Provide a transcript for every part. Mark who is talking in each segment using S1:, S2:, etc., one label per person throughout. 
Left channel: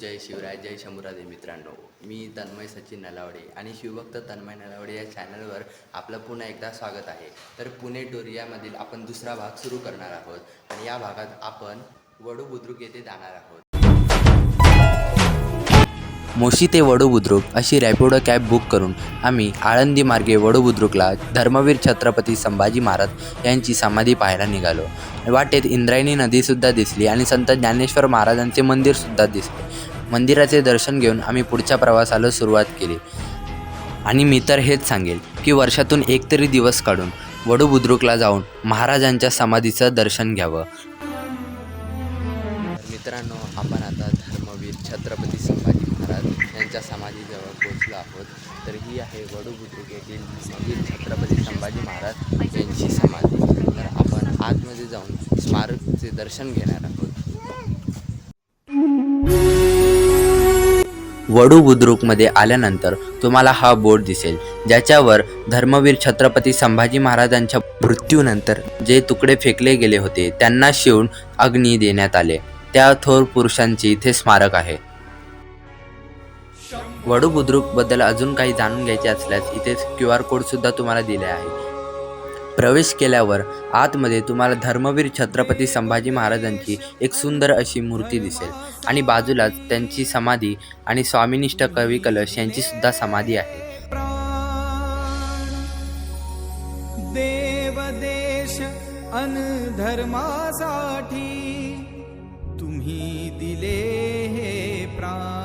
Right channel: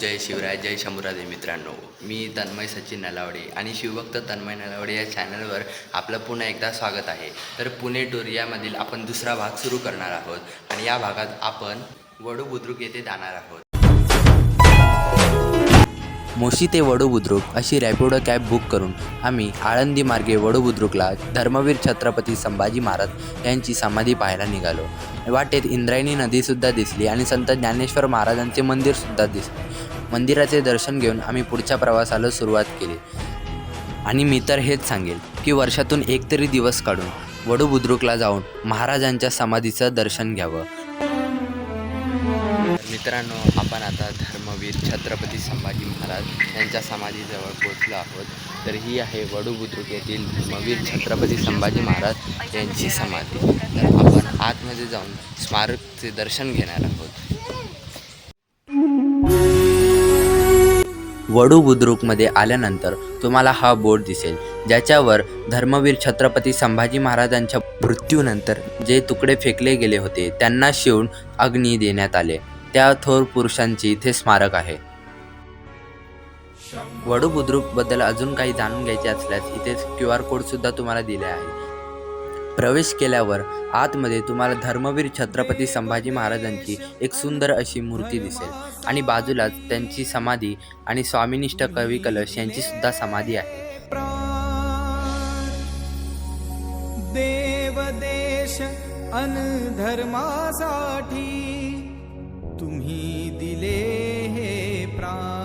S1: जय शिवराय जय शंभूराजे मित्रांनो. मी तन्मय सचिन नलावडे आणि शिवभक्त तन्मय नलावडे या चॅनलवर आपलं पुन्हा एकदा स्वागत आहे. तर पुणे टूर यामधील आपण दुसरा भाग सुरू करणार आहोत आणि या भागात आपण वडू बुद्रुक येथे जाणार आहोत. मोशी ते वडू बुद्रुक अशी रॅपिडो कॅब बुक करून आम्ही आळंदी मार्गे वडू बुद्रुकला धर्मवीर छत्रपती संभाजी महाराज यांची समाधी पाहायला निघालो. वाटेत इंद्रायणी नदीसुद्धा दिसली आणि संत ज्ञानेश्वर महाराजांचे मंदिरसुद्धा दिसले. मंदिराचे दर्शन घेऊन आम्ही पुढच्या प्रवासाला सुरुवात केली. आणि मी तर हेच सांगेल की वर्षातून एक तरी दिवस काढून वडू बुद्रुकला जाऊन महाराजांच्या समाधीचं दर्शन घ्यावं. मित्रांनो आपण आता धर्मवीर छत्रपती संभाजी महाराज यांच्या समाधीजवळ पोहोचलो आहोत. तर ही आहे वडू बुद्रुक येथील धर्मवीर छत्रपती संभाजी महाराज यांची समाधी. तर आपण आतमध्ये जाऊन स्मारकचे दर्शन घेणार आहोत. वडू बुद्रुकमध्ये आल्यानंतर तुम्हाला हा बोर्ड दिसेल ज्याच्यावर धर्मवीर छत्रपती संभाजी महाराजांच्या मृत्यूनंतर जे तुकडे फेकले गेले होते त्यांना शिवून अग्नी देण्यात आले. त्या थोर पुरुषांचे इथे स्मारक आहे. वडू बुद्रुकबद्दल अजून काही जाणून घ्यायचे असल्यास इथेच क्यू आर कोडसुद्धा तुम्हाला दिले आहे. प्रवेश केल्यावर आतमध्ये तुम्हाला धर्मवीर छत्रपती संभाजी महाराजांची एक सुंदर अशी मूर्ती दिसेल. आणि बाजूलाच त्यांची समाधी आणि स्वामिनिष्ठ कवी कलश यांची सुद्धा समाधी आहे.
S2: प्राण देव देश अन धर्मासाठी तुम्ही दिले हे प्राण.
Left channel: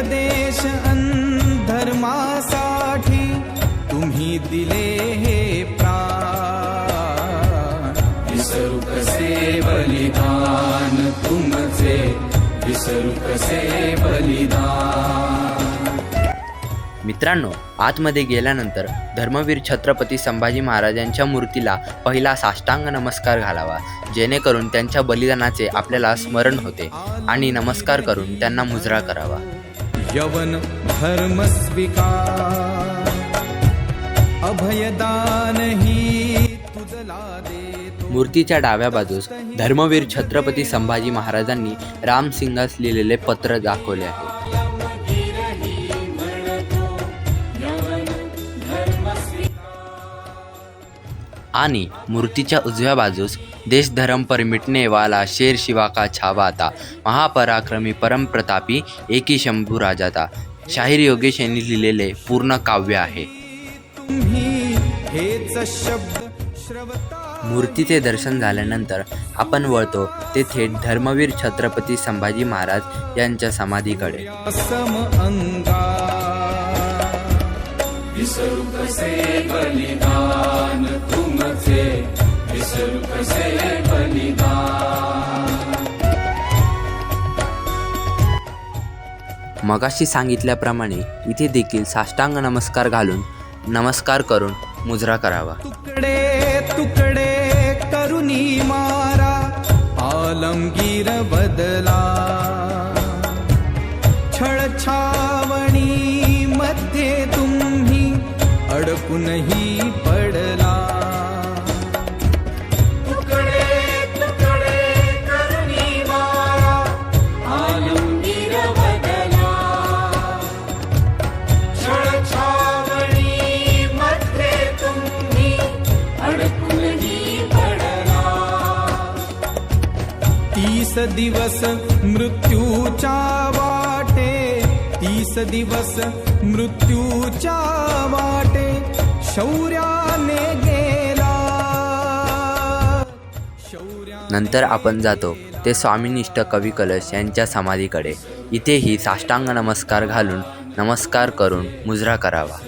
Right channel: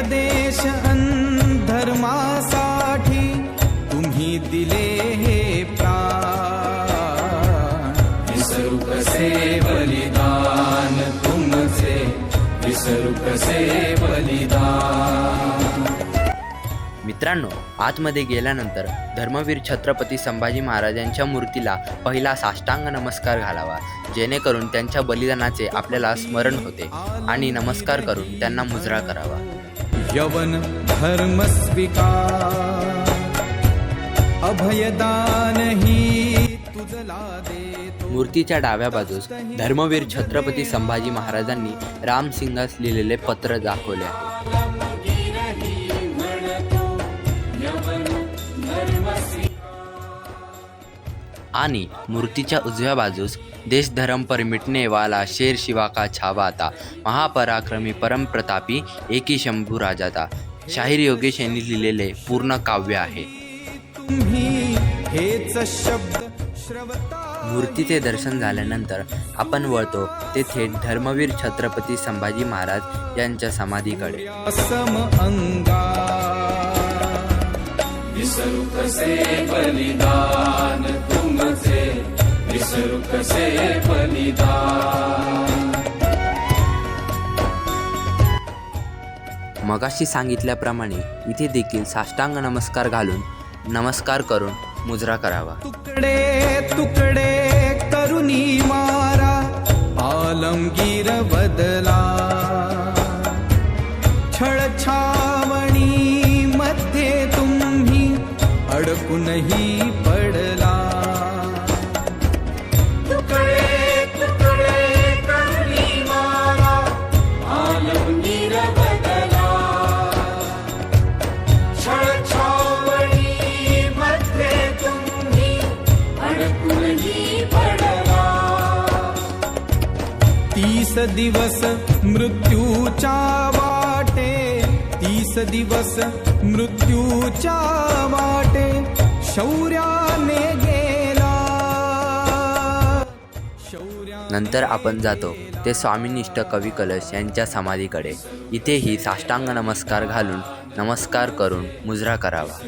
S2: देश धर्मासाठी तुम्ही दिले हे प्राण. विसरू कसे बलिदान तुमचे. विसरू कसे बलिदान.
S1: मित्रांनो आतमध्ये गेल्यानंतर धर्मवीर छत्रपती संभाजी महाराजांच्या मूर्तीला पहिला साष्टांग नमस्कार घालावा. जेणेकरून त्यांच्या बलिदानाचे आपल्याला स्मरण होते आणि नमस्कार करून त्यांना मुजरा करावा.
S2: यवन धर्म स्वीकार। अभयदान ही तुझला देतो।
S1: मूर्तीच्या डाव्या बाजूस धर्मवीर छत्रपती संभाजी महाराजांनी रामसिंगास लिहिलेले पत्र दाखवले आहे. आणि मूर्तीच्या उजव्या बाजूस देश धर्म पर मिटने वाला शेर शिवा का छावाता। महापराक्रमी परमप्रतापी एकी शंभू राजाता। शाहीर योगेश यांनी लिहिलेले पूर्ण काव्य आहे. मूर्तीचे दर्शन झाल्यानंतर आपण वळतो ते थेट धर्मवीर छत्रपती संभाजी महाराज यांच्या समाधीकडे. मगाशी सांगितल्याप्रमाणे इथे देखील साष्टांग नमस्कार घालून नमस्कार करून मुजरा करावा.
S2: तुकडे तुकडे करुणी मारा आलमगीर बदला. छळछावणी मध्ये तुम्ही अडकूनही पडला. तीस दिवस मृत्यूच्या वाटे तीस दिवस मृत्यूच्या वाटे शौर्याने गेला. शौर्या
S1: नंतर आपण जातो. ते स्वामीनिष्ठ कवी कलश यांच्या समाधीकडे. इथेही साष्टांग नमस्कार घालून नमस्कार करून मुजरा करावा.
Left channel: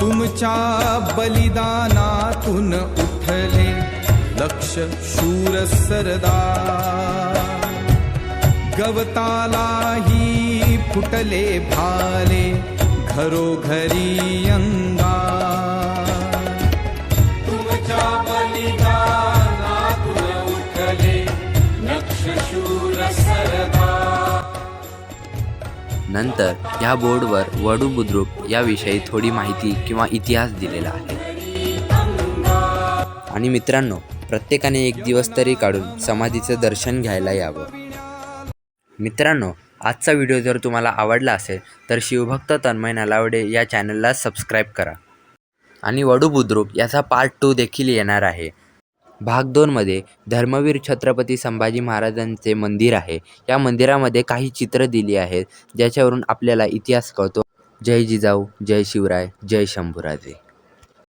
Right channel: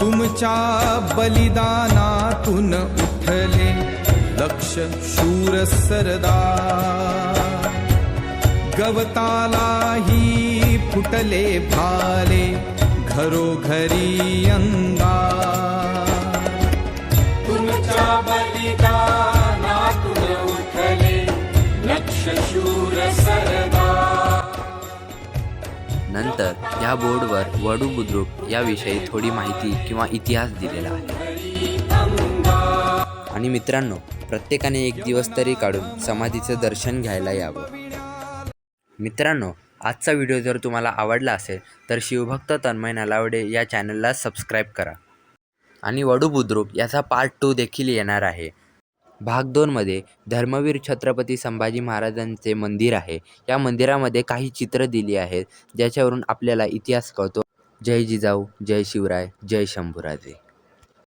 S2: तुमच्या बलिदानातून उठले लक्ष शूर सरदा गवतालाही फुटले भाले घरोघरी अंगा
S1: ह्या बोर्डवर वडू बुद्रुक याविषयी थोडी माहिती किंवा इतिहास दिलेला आहे. आणि मित्रांनो प्रत्येकाने एक दिवस तरी काढून समाधीचं दर्शन घ्यायला यावं. मित्रांनो आजचा व्हिडिओ जर तुम्हाला आवडला असेल तर शिवभक्त तन्मय नलावडे या चॅनलला सबस्क्राईब करा. आणि वडू बुद्रुक याचा पार्ट टू देखील येणार आहे. भाग दोनमध्ये धर्मवीर छत्रपती संभाजी महाराजांचे मंदिर आहे. या मंदिरामध्ये काही चित्र दिली आहेत ज्याच्यावरून आपल्याला इतिहास कळतो. जय जिजाऊ जय शिवराय जय शंभूराजे.